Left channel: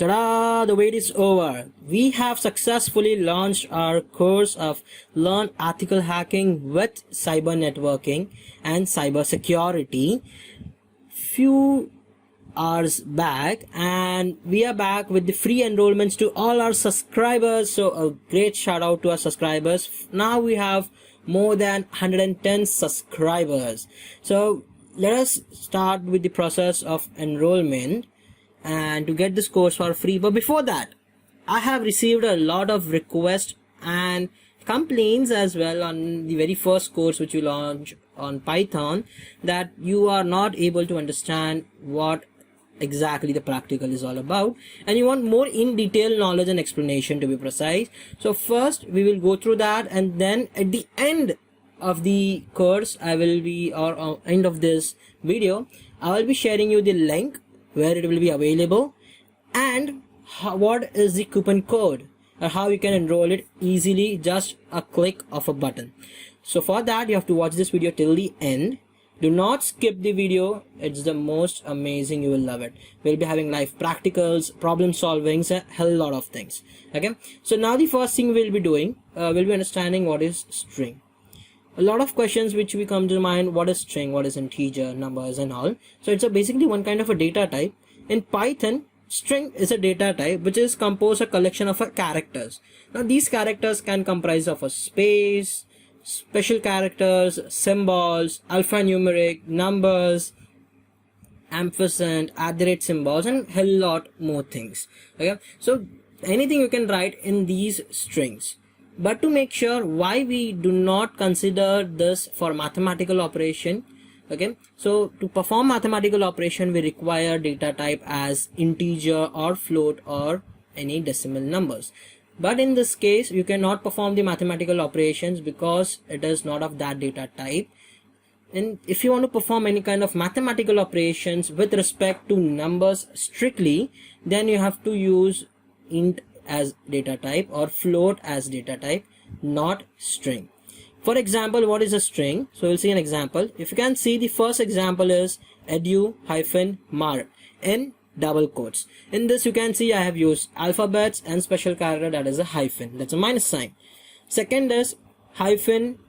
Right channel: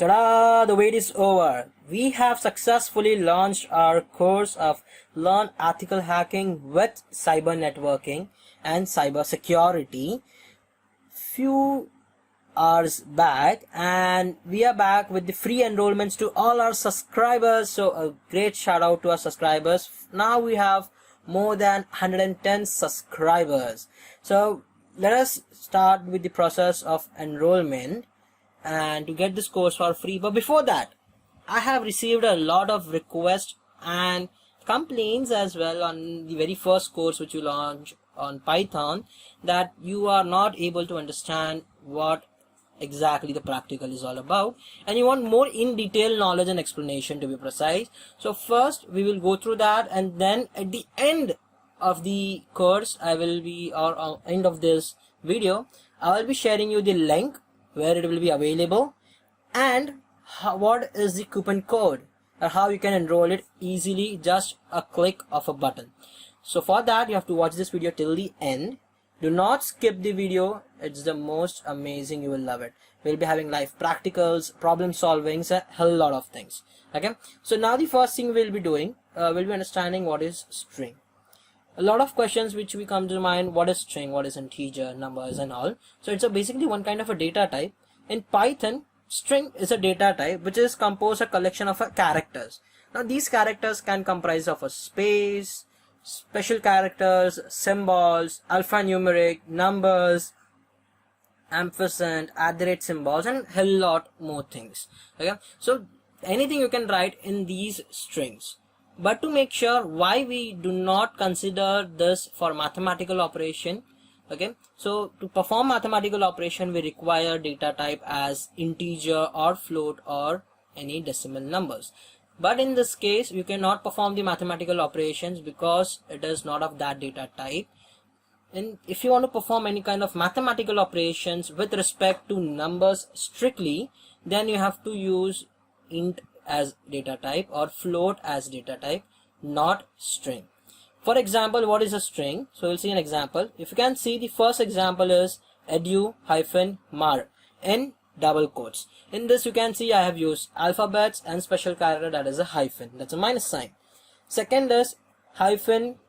Ta-da! The wait is over. We have successfully launched our course of Learn Ethical Hacking with Cyber Networking and Cyber Security few hours back, and we are back with the free enrollments to all our subscribers. So a great shout out to our subscribers. Now we have more than 110 subscribers. So let us start with the process of enrollment and to get this course for free. But before that, I have received a lot of requests and complaints as well on the very first course which we launched on Python, that you are not able to understand what exactly the practical is all about, and you want more in detail knowledge and explanation, to be precise. So first we will go through that, and then at the end of the course or end of this video, I will be sharing you the link where it will be available and what is the coupon code or how you can enroll it easily, just a click of a button. So for that you have to watch this video till the end. Do not skip the video, it's the most amazing, you will love it. We'll be having live practicals, problem solvings, a hell lot of things. Okay, so now the first thing we'll be doing, we'll be understanding what is string. A lot of questions which we come to mind: what is string, what is integer, numbers and all. So it's basically one kind of a data type. In Python, string is a data type which is composed a collection of characters. Now these characters can comprise of a space, special characters, symbols, alphanumeric, numbers, ampersand, @ symbols, and hell lot more things. Okay, so anything you can write in these strings. But to make sure why we do not consider this for mathematical operation, okay, so to perform mathematical operation we require data type as integer or float or any decimal numbers. But in this case you cannot perform the mathematical operations because it is not of that data type. And if you want to perform any kind of mathematical operations with respect to numbers strictly, then you have to use int as data type or float as data type, not string. For example, what is a string? So we'll see an example. If you can see, the first example is edu-mark in double quotes. In this you can see I have used alphabets and special character, that is a hyphen, that's a minus sign. Second is hyphen,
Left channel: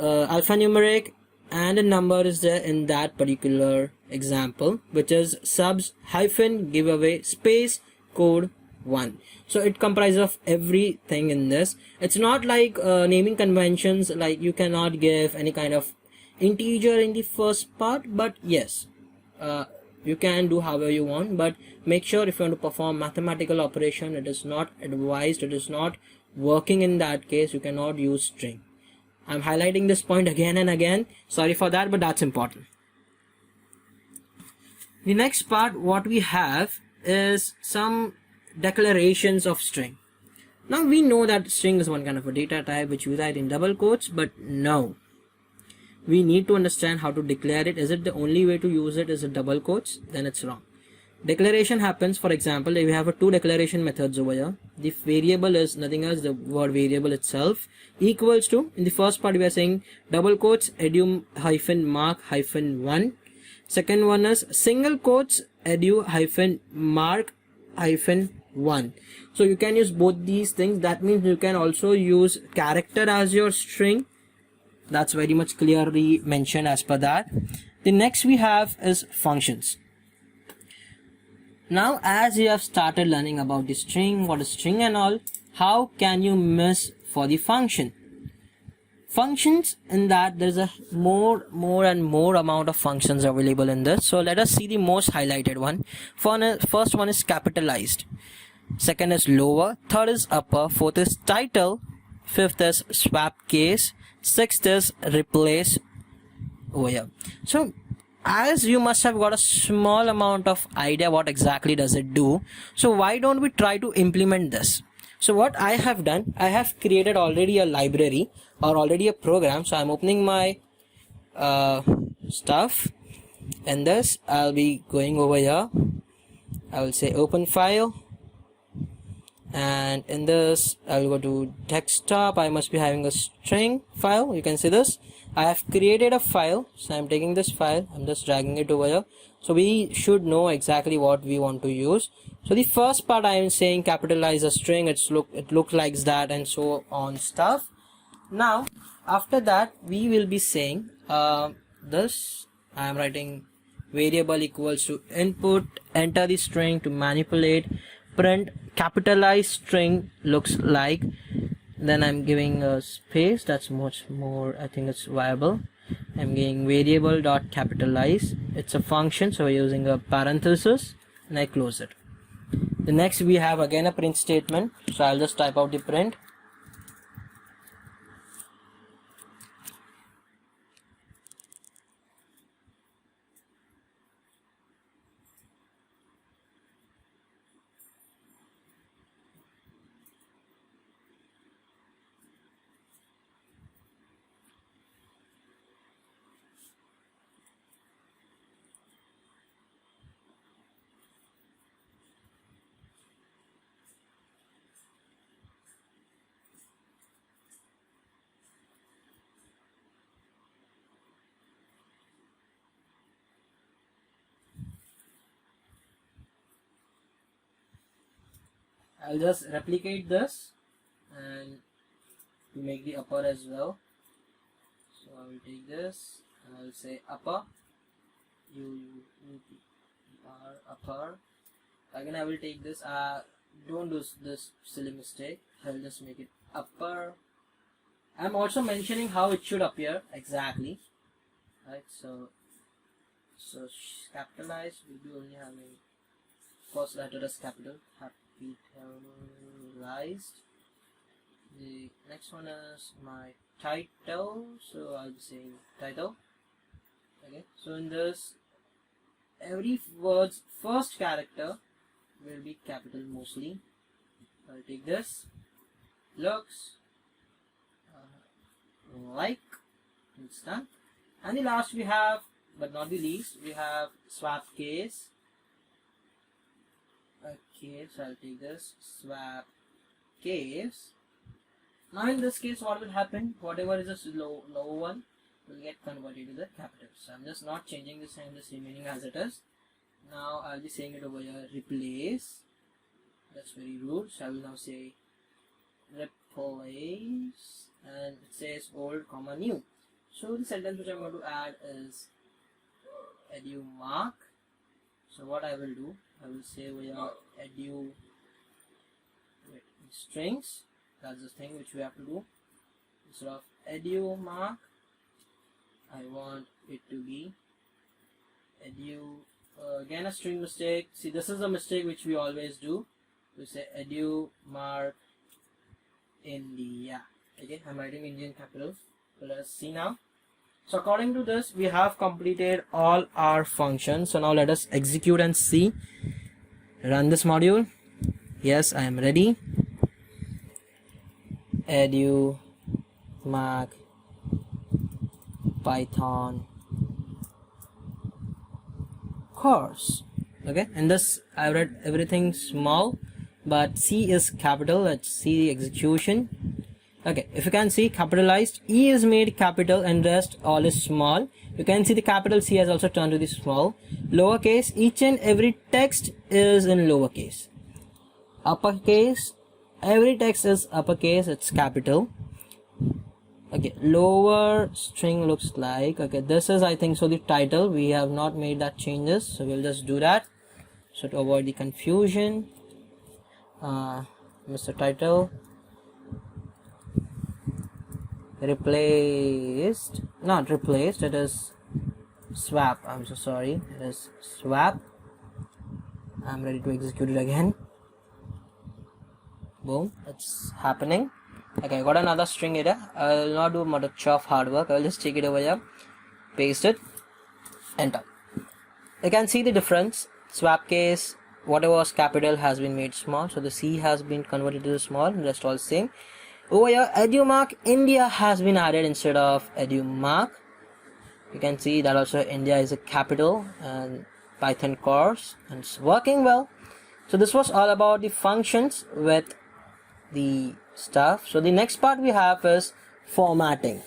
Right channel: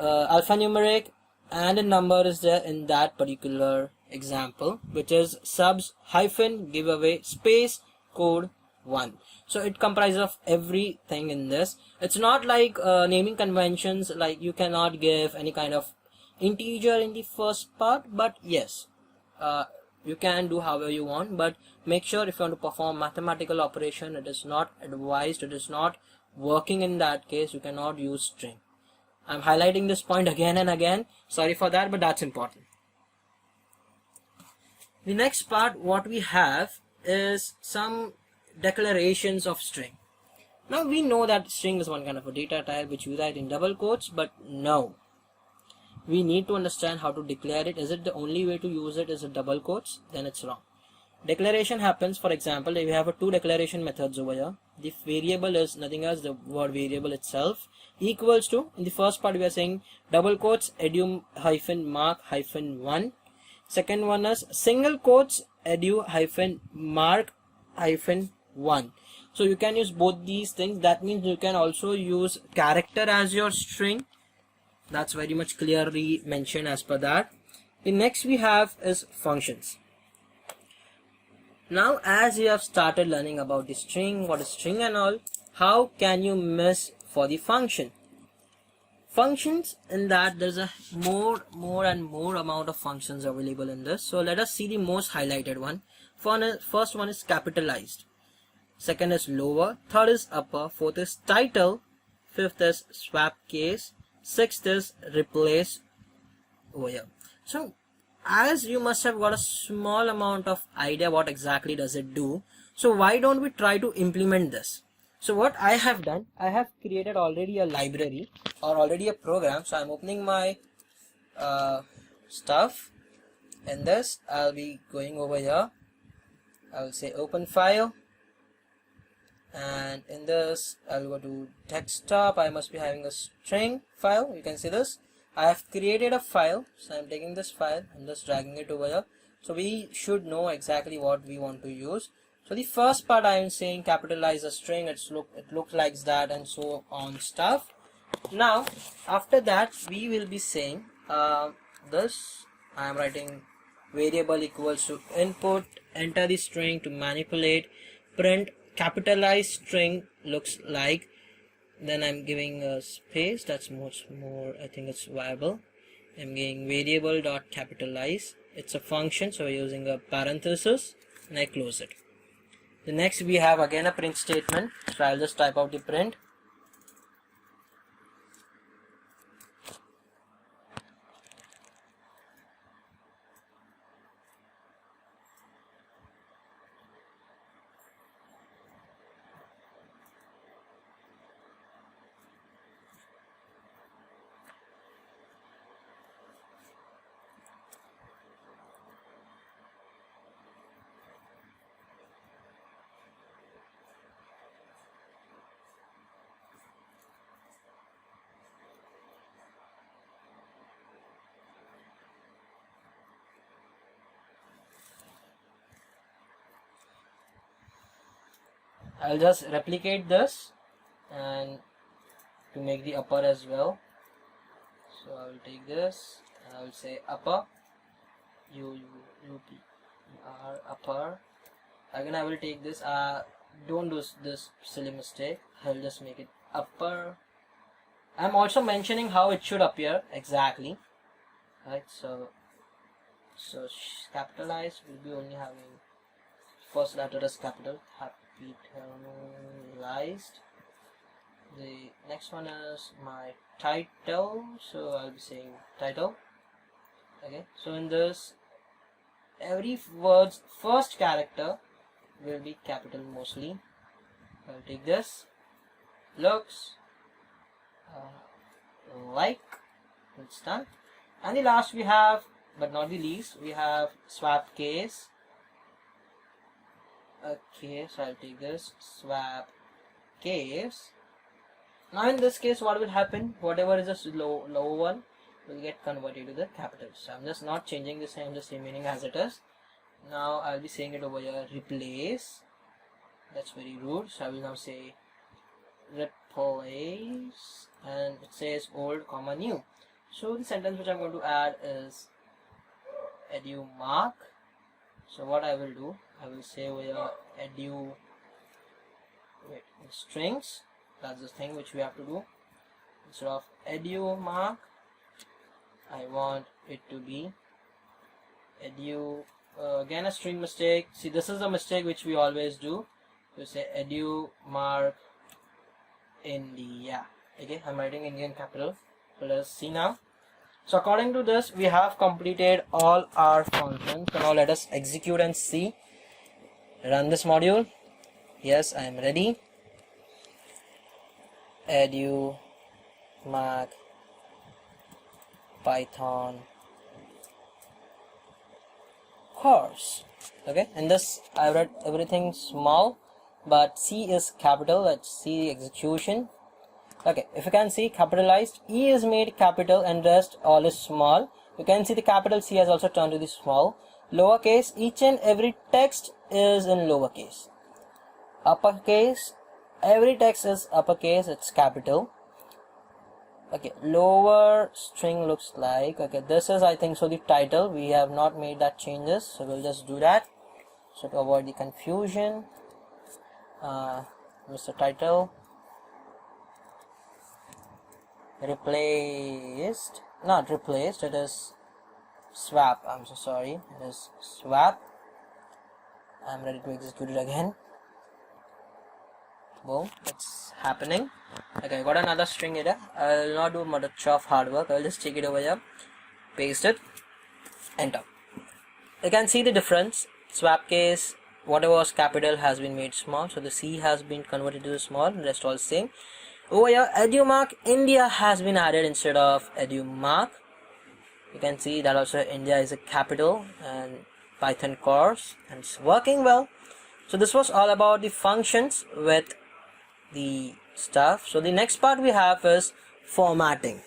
alphanumeric, and a number is there in that particular example, which is subs hyphen giveaway space code 1. So it comprises of everything in this. It's not like naming conventions, like you cannot give any kind of integer in the first part, but yes, you can do however you want. But make sure if you want to perform mathematical operation, it is not advised, it is not working in that case. You cannot use string. I'm highlighting this point again and again, sorry for that, but that's important. The next part what we have is some declarations of string. Now we know that string is one kind of a data type which we write in double quotes, but no, we need to understand how to declare it. Is it the only way to use it is it double quotes? Then it's wrong. Declaration happens, for example, we have two declaration methods over here. The variable is nothing else, the word variable itself, equals to, in the first part we are saying double quotes edu-mark-1. Second one is single quotes edu-mark-1. So you can use both these things. That means you can also use character as your string. That's very much clearly mentioned as per that. The next we have is functions. Now as you have started learning about the string, what is string and all, how can you miss for the function? Functions, in that there's a more and more amount of functions available in this. So let us see the most highlighted one. First one is capitalized, second is lower, third is upper, fourth is title, fifth is swap case, sixth is replace over here. So as you must have got a small amount of idea what exactly does it do, so why don't we try to implement this? So what I have done, I have created already a library or already a program. So I'm opening my stuff, and this I'll be going over here. I will say open file, and in this I'll go to desktop. I must be having a string file, you can see this. I have created a file, so I'm taking this file, I'm just dragging it over here. So we should know exactly what we want to use. So the first part I am saying capitalize a string, it looks like that and so on stuff. Now after that we will be saying this, I am writing variable equals to input, enter the string to manipulate, print capitalized string looks like, then I'm giving a space, that's much more, I think it's viable. I'm giving variable dot capitalize, it's a function, so we're using a parenthesis, and I close it. The next we have again a print statement, so I'll just type out the print. I'll just replicate this and to make the upper as well. So I will take this and I will say upper, upper. Again I will take this, don't do this silly mistake, I'll just make it upper. I'm also mentioning how it should appear exactly, right? So capitalized will be only having first letter as capital, capitalized. The next one is my title, so I'll be saying title. Okay, so in this every word's first character will be capital mostly. I'll take this, looks like, it's done. And the last we have, but not the least, we have swap case. Okay, so I'll take this, swap case. Now in this case what will happen, whatever is a low one will get converted to the capital. So I'm just not changing this, I'm just remaining as it is. Now I'll be saying it over here, replace. That's very rude, so I will now say replace, and it says old comma new. So the sentence which I'm going to add is edumark. So what I will do, I will say over here strings, that's the thing which we have to do. Instead of edumark, I want it to be again a string mistake. See, this is a mistake which we always do. We say edumark India. Okay, I'm writing Indian capital. So let's see now. So according to this, we have completed all our functions. So now let us execute and see. Run this module. Yes, I am ready. Edumark Python course. Okay, in this I read everything small, but C is capital. Let's see the execution. Okay, if you can see, capitalized, E is made capital and rest all is small. You can see the capital C has also turned to the small. Lowercase, each and every text is in lowercase. Uppercase, every text is uppercase, it's capital. Okay, lower string looks like, okay, this is I think so the title. We have not made that changes, so we'll just do that. So to avoid the confusion, Mr. Title, replaced, not replaced, it is swap. I'm so sorry, it is swap. I'm ready to execute it again. Boom, it's happening. Okay, I got another string here. I'll not do much of hard work. I'll just take it over here, paste it, enter. You can see the difference. Swap case, whatever was capital has been made small, so the C has been converted to the small, and rest all same. Over here, edumark India has been added instead of edumark. You can see that also India is a capital, and Python course, and it's working well. So this was all about the functions with the stuff. So the next part we have is formatting.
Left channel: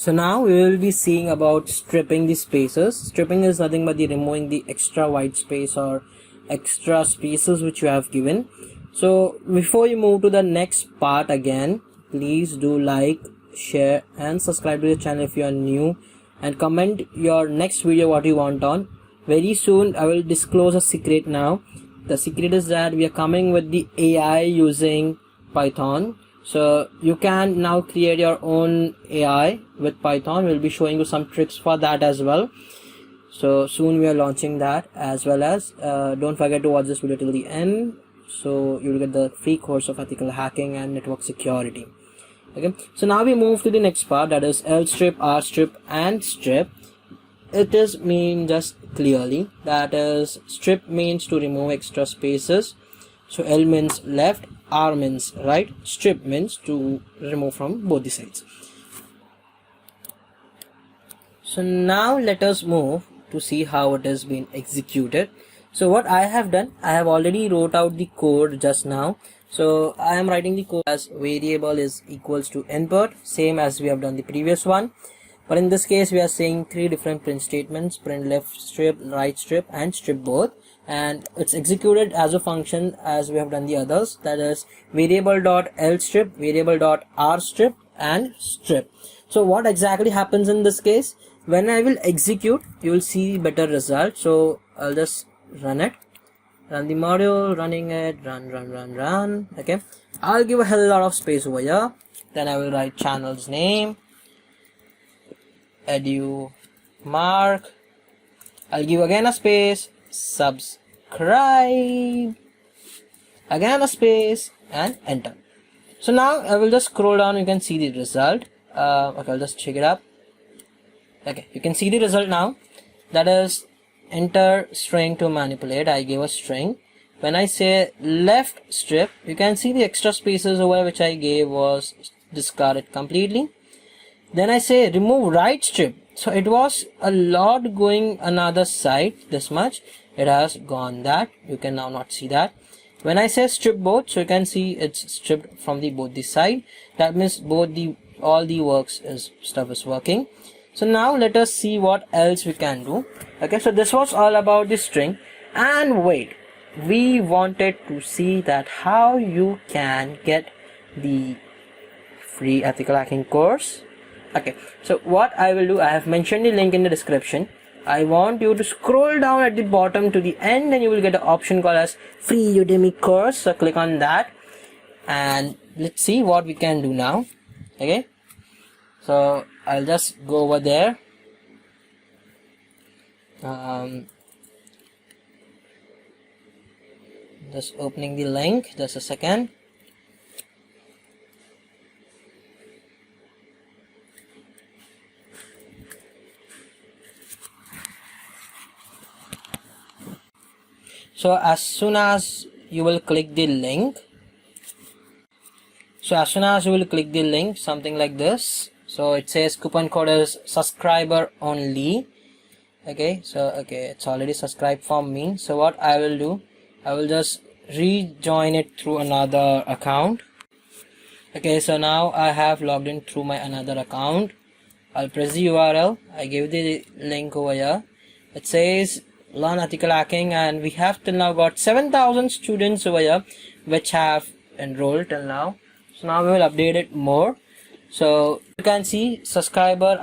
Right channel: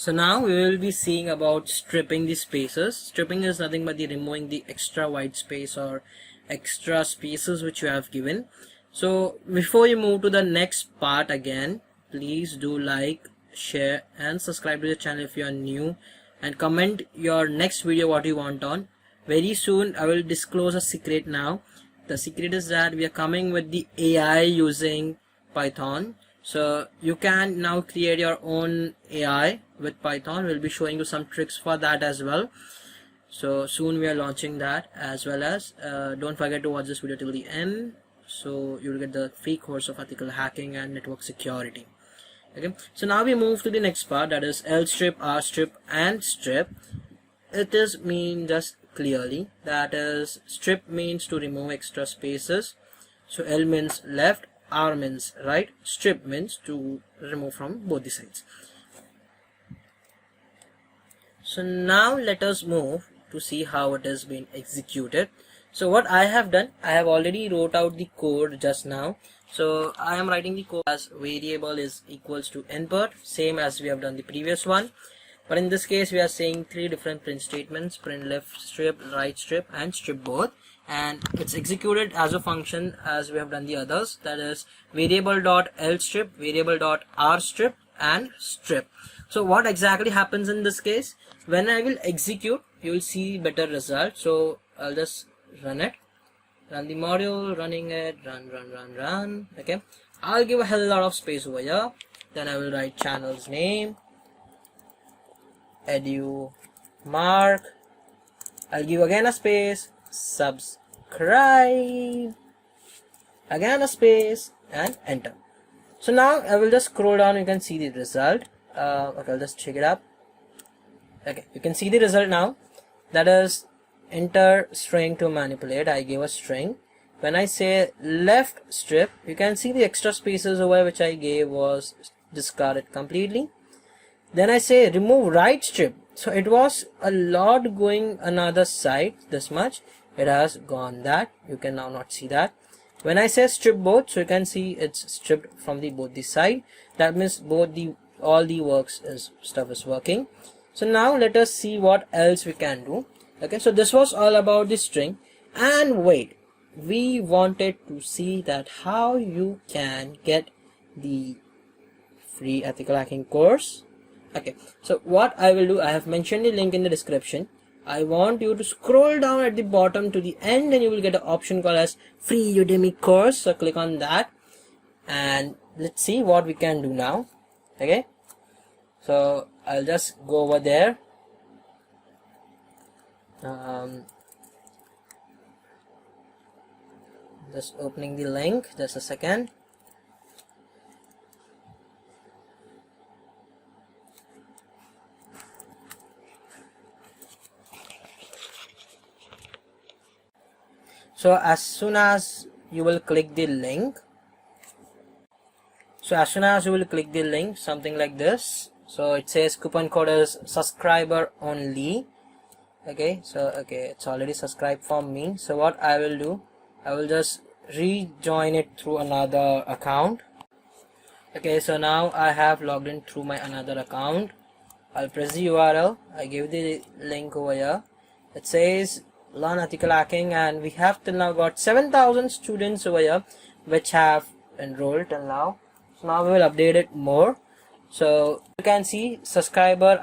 So now we will be seeing about stripping the spaces. Stripping is nothing but the removing the extra white space or extra spaces which you have given. So before you move to the next part again, please do like, share and subscribe to the channel if you are new, and comment your next video what you want on. Very soon I will disclose a secret now. The secret is that we are coming with the AI using Python. So you can now create your own AI with Python. We'll be showing you some tricks for that as well. So soon we are launching that, as well as don't forget to watch this video till the end, so you will get the free course of ethical hacking and network security. Okay, so now we move to the next part, that is L strip, R strip and strip. It is mean just clearly, that is strip means to remove extra spaces. So L means left, R means right, strip means to remove from both the sides. So now let us move to see how it has been executed. So what I have done, I have already wrote out the code just now. So I am writing the code as variable is equals to input, same as we have done the previous one. But in this case we are saying three different print statements: print left strip, right strip and strip both. And it's executed as a function as we have done the others, that is variable dot L strip, variable dot R strip and strip. So what exactly happens in this case? When I will execute, you will see better result. So I'll just run it, run the module, running it, run. Okay, I'll give a hell lot of space over here. Then I will write channel's name, edu mark. I'll give again a space, subscribe, again a space and enter. So now I will just scroll down, you can see the result. Okay, I'll just check it up. Okay, you can see the result now, that is enter string to manipulate. I gave a string. When I say left strip, you can see the extra spaces over which I gave was discarded completely. Then I say remove right strip, so it was a lot going another side, this much, it has gone that, you can now not see that. When I say strip both, so you can see it's stripped from the both the side, that means both the all the works is stuff is working. So now let us see what else we can do. Okay, so this was all about the string, and wait, we wanted to see that how you can get the free ethical hacking course. Okay, so what I will do, I have mentioned the link in the description. I want you to scroll down at the bottom to the end and you will get an option called as free Udemy course. So click on that and let's see what we can do now. Okay, so I'll just go over there. Just opening the link, just a second. So as soon as you will click the link, something like this, so it says coupon code is subscriber only. Okay, so okay, it's already subscribed for me. So what I will do, I will just rejoin it through another account. Okay, so now I have logged in through my another account. I'll press the URL, I give the link over here. It says learn ethical hacking, and we have till now got 7,000 students over here which have enrolled till now. So now we will update it more. So you can see subscriber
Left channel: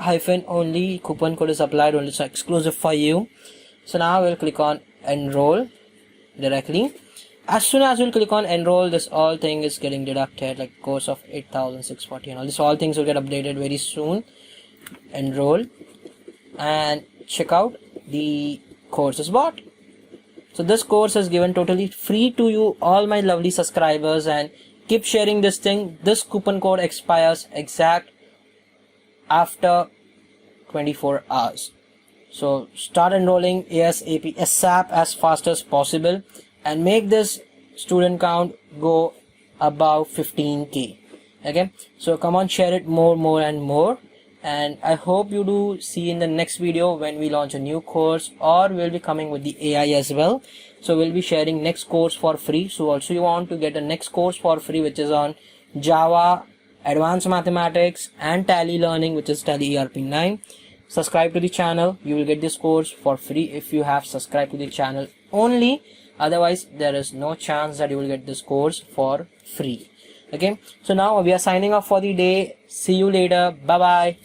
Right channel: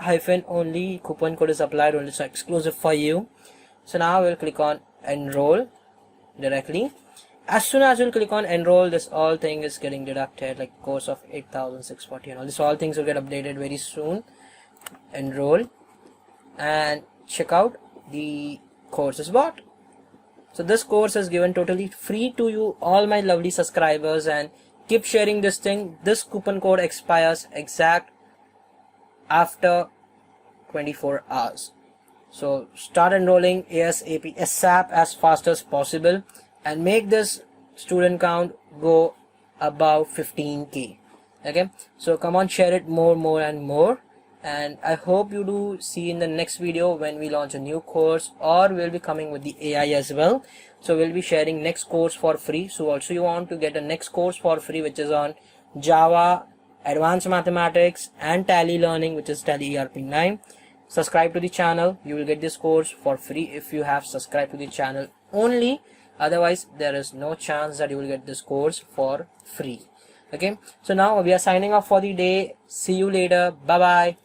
only, coupon code is applied only, so exclusive for you. So now we'll click on enroll directly. As soon as we'll click on enroll, this all thing is getting deducted, like course of 8,640 and all this, all things will get updated very soon. Enroll and check out, the course is bought. So this course is given totally free to you, all my lovely subscribers, and keep sharing this thing. This coupon code expires exact after 24 hours. So start enrolling ASAP, ASAP, as fast as possible, and make this student count go above 15k. Okay, so come on, share it more and more. And I hope you do see in the next video when we launch a new course, or we'll be coming with the AI as well. So we'll be sharing next course for free. So also you want to get a next course for free, which is on Java advanced mathematics and tally learning, which is Tally ERP 9. Subscribe to the channel. You will get this course for free if you have subscribed to the channel only. Otherwise, there is no chance that you will get this course for free. Okay, so now we are signing off for the day. See you later. Bye bye.